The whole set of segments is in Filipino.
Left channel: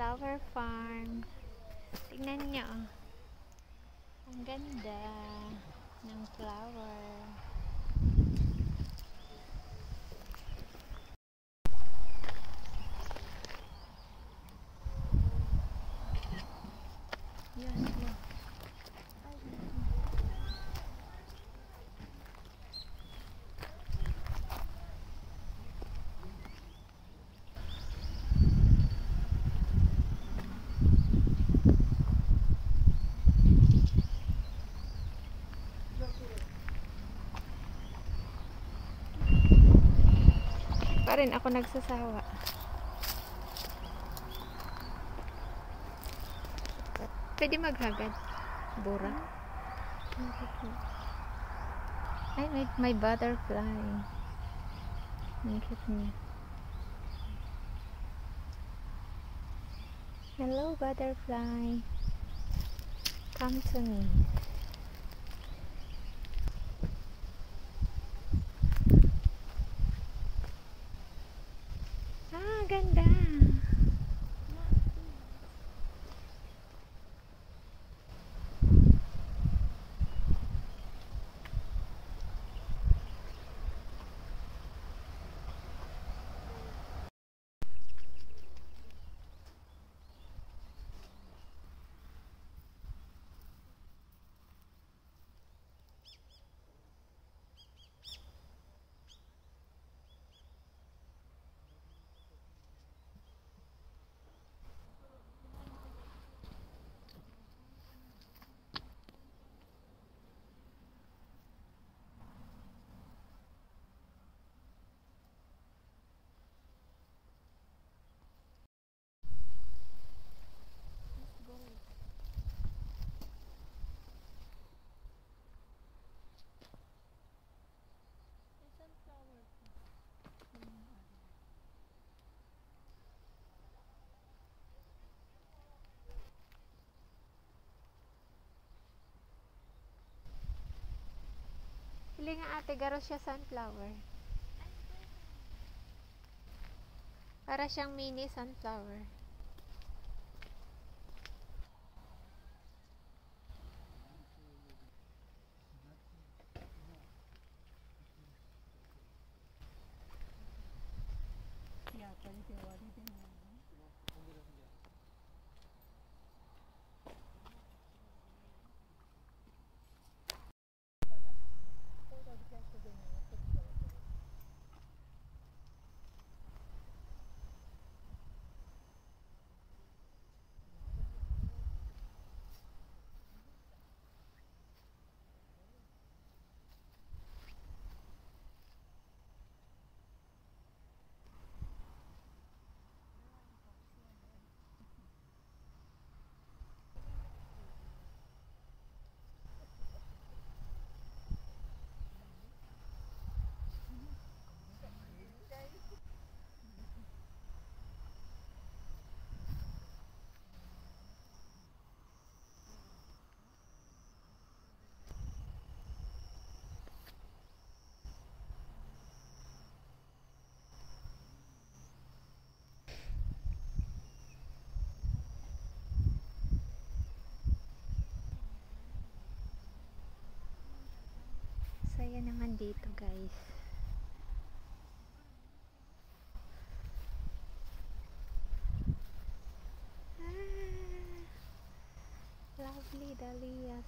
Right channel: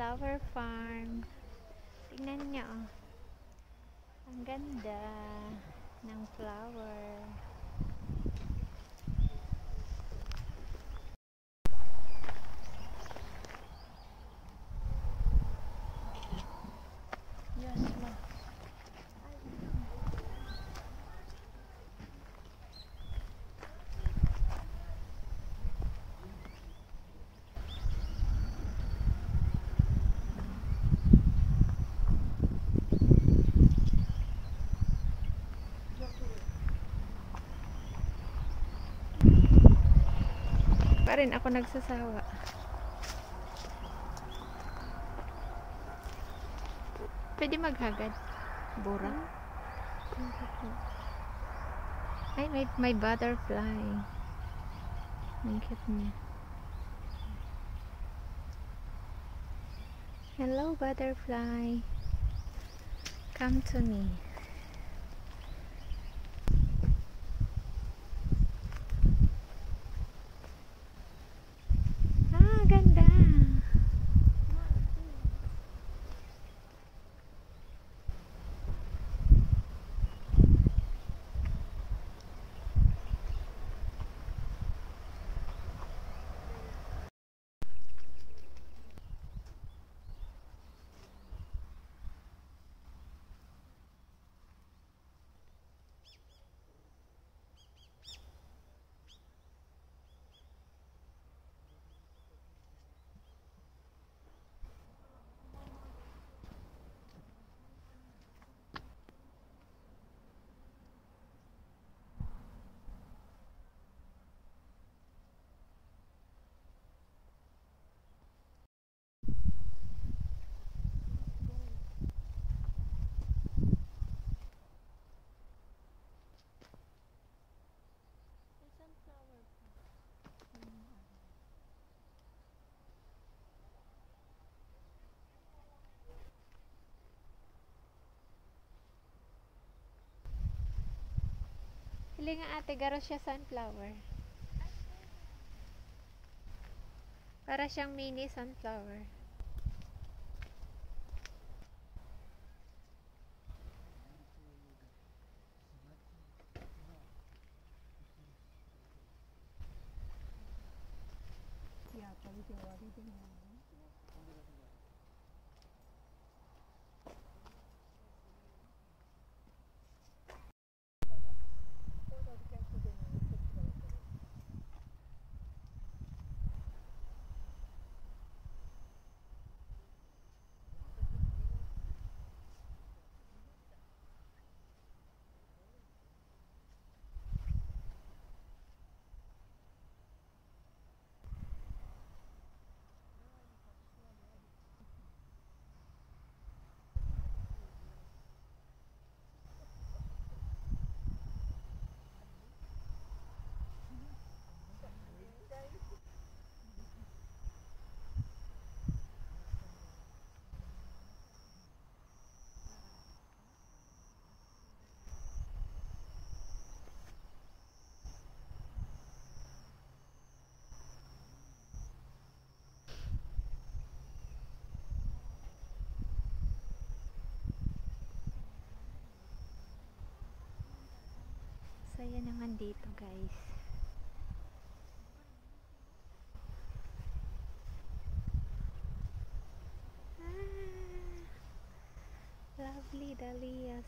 flower farm. Tingnan nyo, oh. Ang ganda ng flower. Yan lang. Pa rin ako nagsasawa. Pwede maghagad. Bura. Ay, may butterfly. Ang cute niya. Hello, butterfly. Come to me. Ah, ganda. Hili nga ate, garo siya sunflower. Para siyang mini sunflower. Saya naman dito, guys. Lovely dahlias.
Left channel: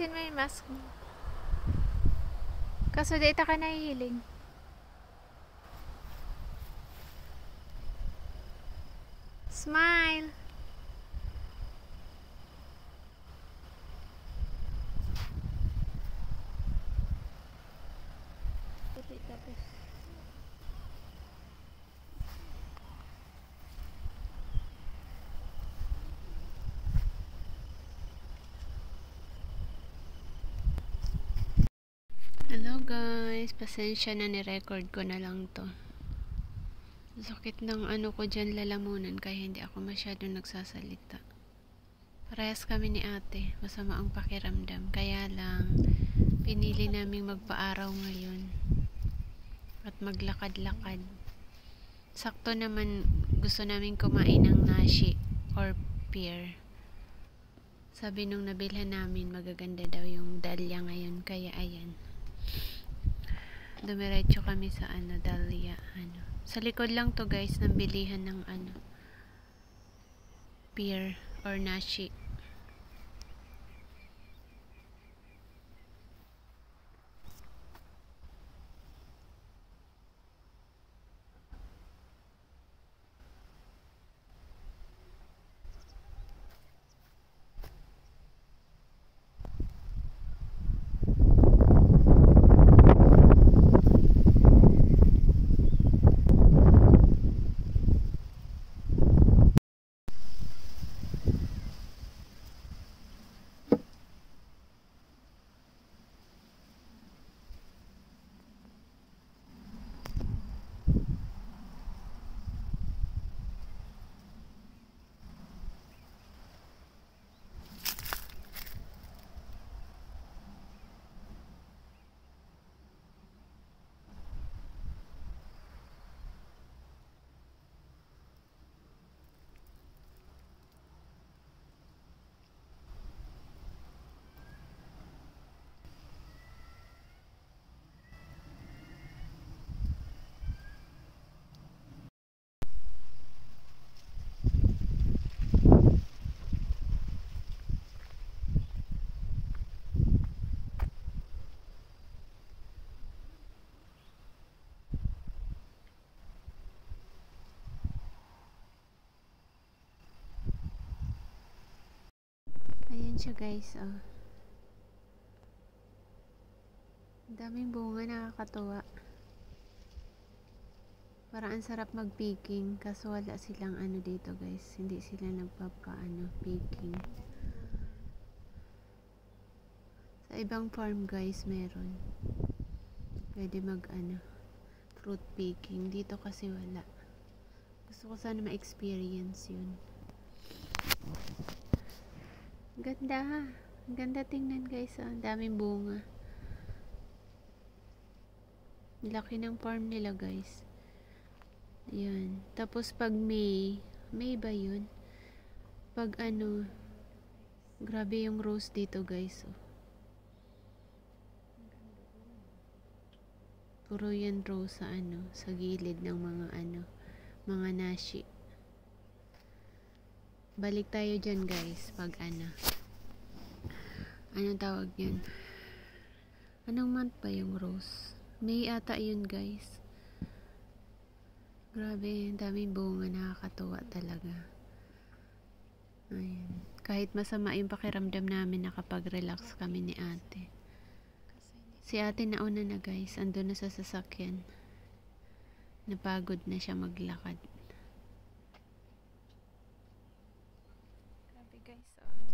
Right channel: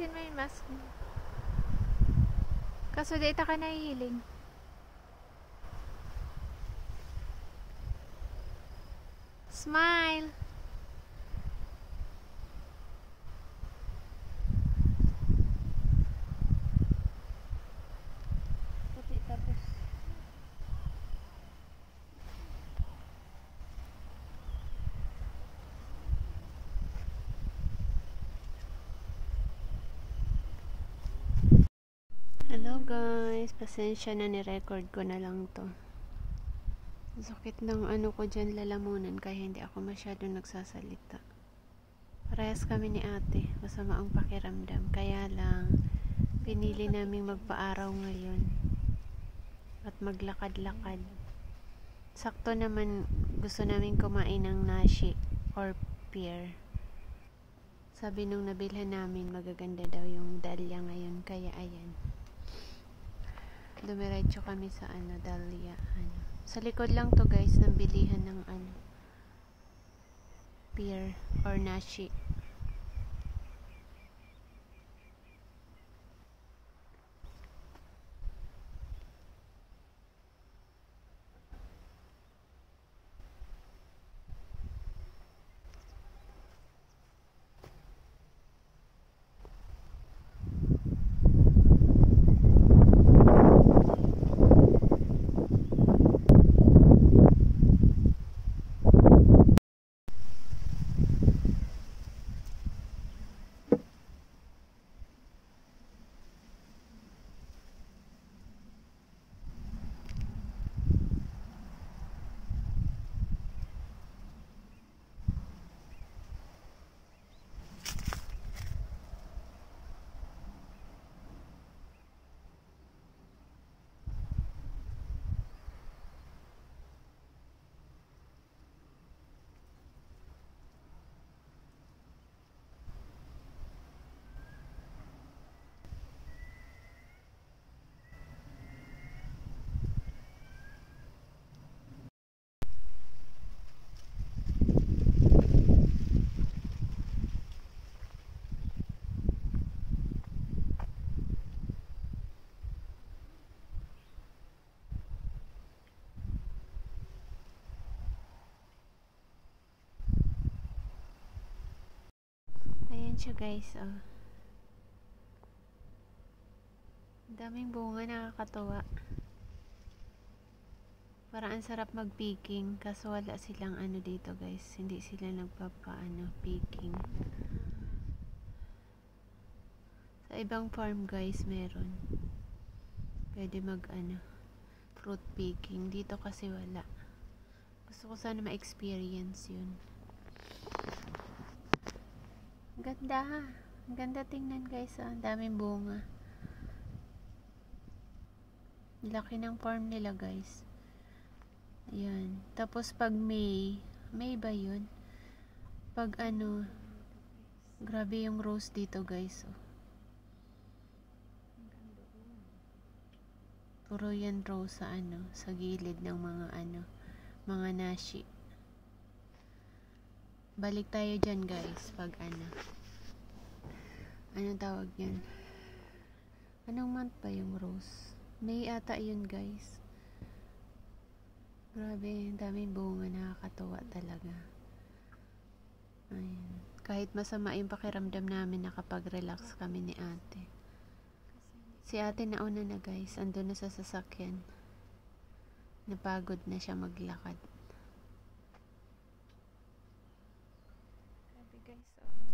Alisin mo yung mask mo. Kaso data ka nahihiling. Smile! Tapos hello guys, pasensya na, ni-record ko na lang to. Sakit ng ano ko dyan, lalamunan, kaya hindi ako masyadong nagsasalita. Parehas kami ni ate, masama ang pakiramdam, kaya lang pinili naming magpa-araw ngayon at maglakad-lakad. Sakto naman gusto namin kumain ng nashi or pear. Sabi nung nabilhan namin, magaganda daw yung dahlia ngayon, kaya ayan, dumiretso kami sa dahlia, sa likod lang to guys ng bilihan ng pear or nashi. Ayan siya guys, oh. Daming bunga, nakakatuwa. Parang ang sarap mag-picking, kaso wala silang dito guys, hindi sila picking. Sa ibang farm guys meron, pwede mag fruit picking. Dito kasi wala. Gusto ko sana ma-experience yun. Ganda, ang ganda tingnan guys, ang daming bunga. Laki ng farm nila guys. Ayan. Tapos pag May ba yun? Pag grabe yung rose dito guys, oh. Puro yan rose sa gilid ng mga nashi. Balik tayo dyan guys pag anong tawag yan? Anong month ba yung rose? May ata yun guys. Grabe, daming bunga, nakakatuwa talaga. Ayan. Kahit masama yung pakiramdam namin, nakapag-relax kami ni ate. Si ate nauna na guys, andun na sa sasakyan. Napagod na siya maglakad.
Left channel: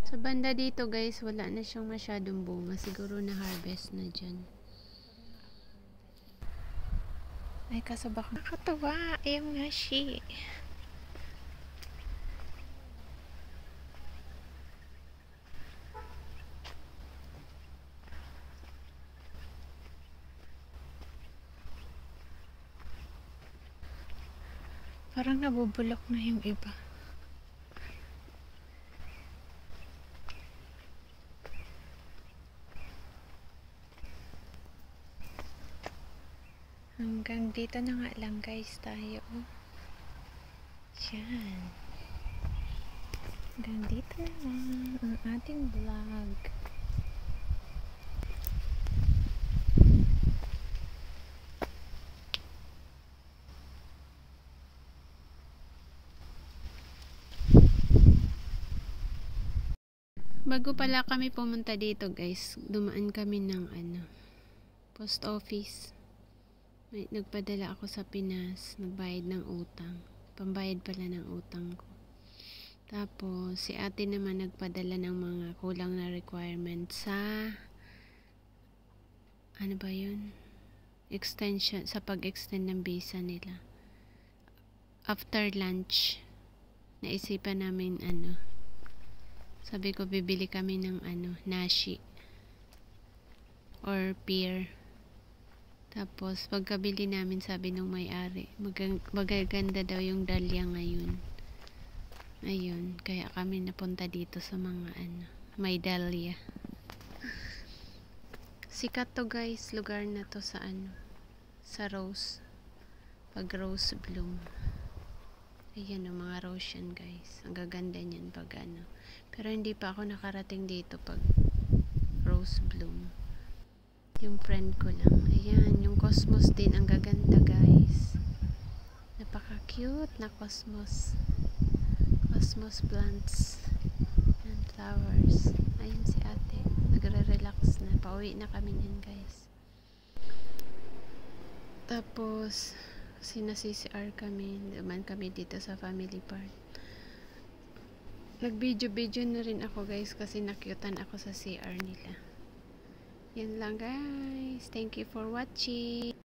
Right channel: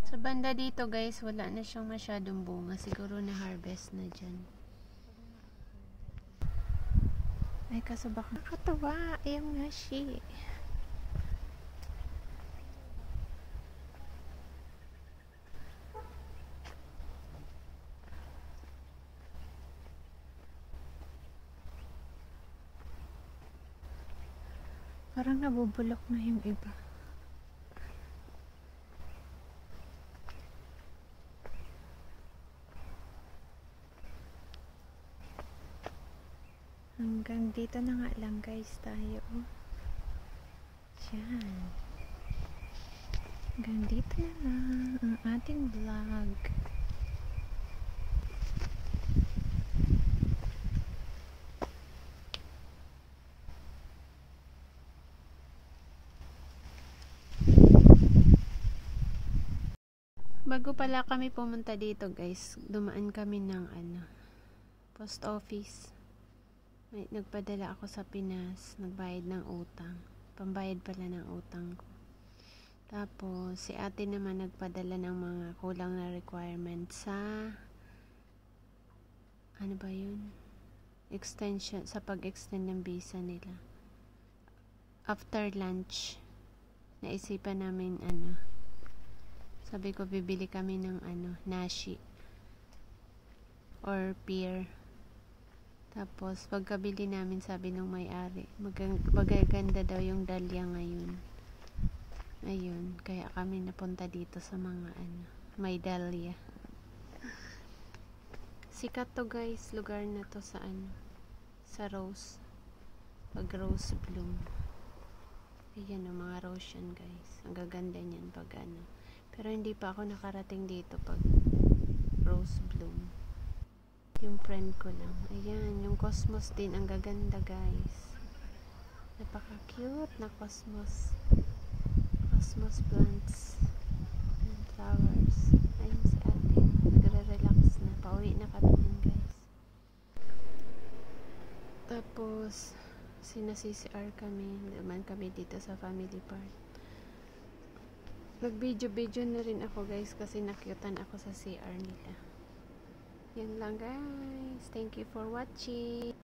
Sa banda dito guys, wala na siyang masyadong bunga. Siguro na harvest na dyan. Ay, kaso baka nakatawa yung nashi. Parang nabubulok na yung iba. Hanggang dito na nga lang guys tayo. Yan. Hanggang dito na lang ang ating vlog. Bago pala kami pumunta dito guys, dumaan kami ng post office. May nagpadala ako sa Pinas, nagbayad ng utang. Pambayad pala ng utang ko. Tapos si ate naman nagpadala ng mga kulang na requirements sa ano ba yun? Extension, sa pag-extend ng visa nila. After lunch, naisipan namin sabi ko bibili kami ng nashi or pear. Tapos pagkabili namin, sabi nung may-ari, magaganda daw yung dahlia ngayon. Ayun, kaya kami napunta dito sa mga may dahlia. Sikat to guys, lugar na to sa sa rose. Pag rose bloom. Ayan o, mga rose yan guys. Ang gaganda niyan pag Pero hindi pa ako nakarating dito pag rose bloom. Yung friend ko lang. Ayan, yung cosmos din. Ang gaganda guys. Napaka cute na cosmos. Cosmos plants and flowers. Ayun si ate. Nagre-relax na. Pauwi na kami niyan guys. Tapos sina-CCR kami. Duman kami dito sa family part. Nag-video na rin ako guys kasi nakyutan ako sa CR nila. Yan lang guys. Thank you for watching.